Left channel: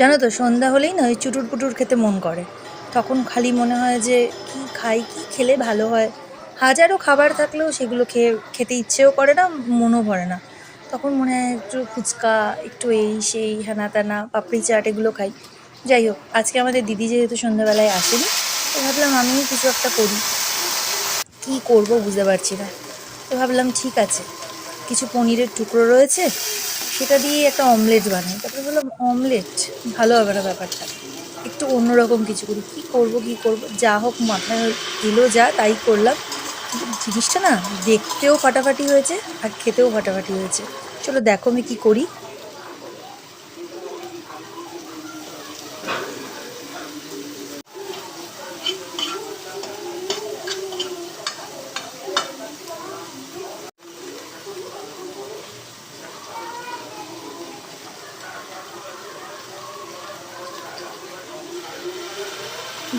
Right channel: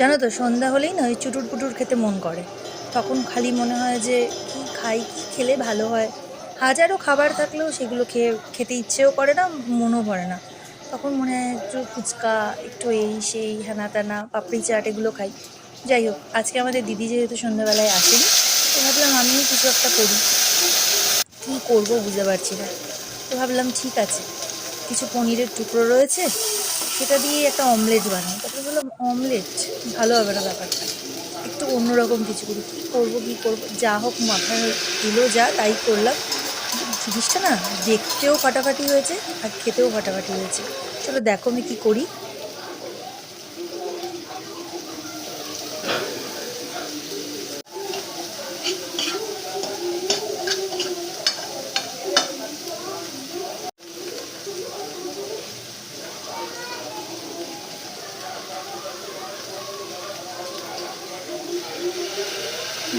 জানো তো, সন্ধ্যা হলেই না ওই চুটুর পুটুর খেতে মন করে। তখন খালি মনে হয় যে কি খাই, কি খেলে ভালো হয়। হাজারো খাবার থাকলেও সেগুলো খেতে ইচ্ছেও করে না, মনও ভরে না। তখন মনে হয় একটু ফুচকা, একটু এই সেই হ্যানা ত্যানা পাপড়ি চাট এগুলো খাই। যাই হোক, আজকে আমাদের দিদি যেহেতু সন্ধ্যাবেলায় আসেনি, তো ভাবলাম আমিও কিছু একটা করি। কী করব বুঝতে পারছি না। তো ভাবলাম ঠিক আছে, কিছু পনিরের টুকরো রয়েছে, সেটা দিয়ে একটা অমলেট বানাই। তারপরে বললাম অমলেট ভালো হবে না ব্যাপারটা, একটু অন্যরকম কিছু করি। কী করব, যা হোক মাথায় এলো যা তাই করলাম। কিন্তু জিনিসটা না দেখতেও ফাটাফাটি হয়েছে আর খেতেও ফাটাফাটি হয়েছে। চলো দেখো আমি কী করি।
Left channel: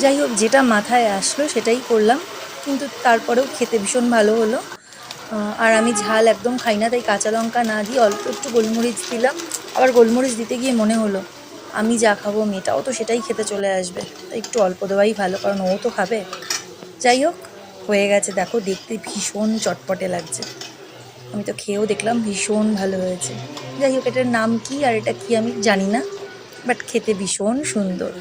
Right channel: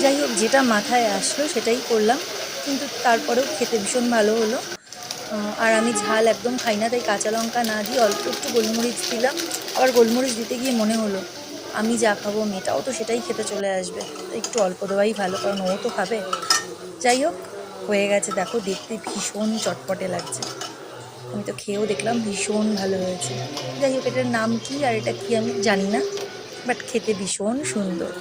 যাই হোক, যেটা মাথায় আসলো সেটাই করলাম, কিন্তু তারপরেও খেতে ভীষণ ভালো হলো। আর আমি ঝাল একদম খাই না, তাই কাঁচা লঙ্কা না দিয়ে অল্প একটু গোলমরিচ দিলাম। আবার গোলমরিচ দিতে গিয়ে মনে হলো আমি যা খাবো মেয়েটাও তো সেটাই খেতে চলে আসবে, তাই একটু অল্প দেওয়াই ভালো, কারণ ও তো খাবে। যাই হোক, হয়ে গেছে, দেখো দেখতে ভীষণ চটপটে লাগছে। আমি তো খেয়েও দেখলাম ভীষণ ভালো হয়েছে। যাই হোক, এটার নাম কি আর এটা কি আমি জানি না, বাট খেতে ভীষণ সুন্দর।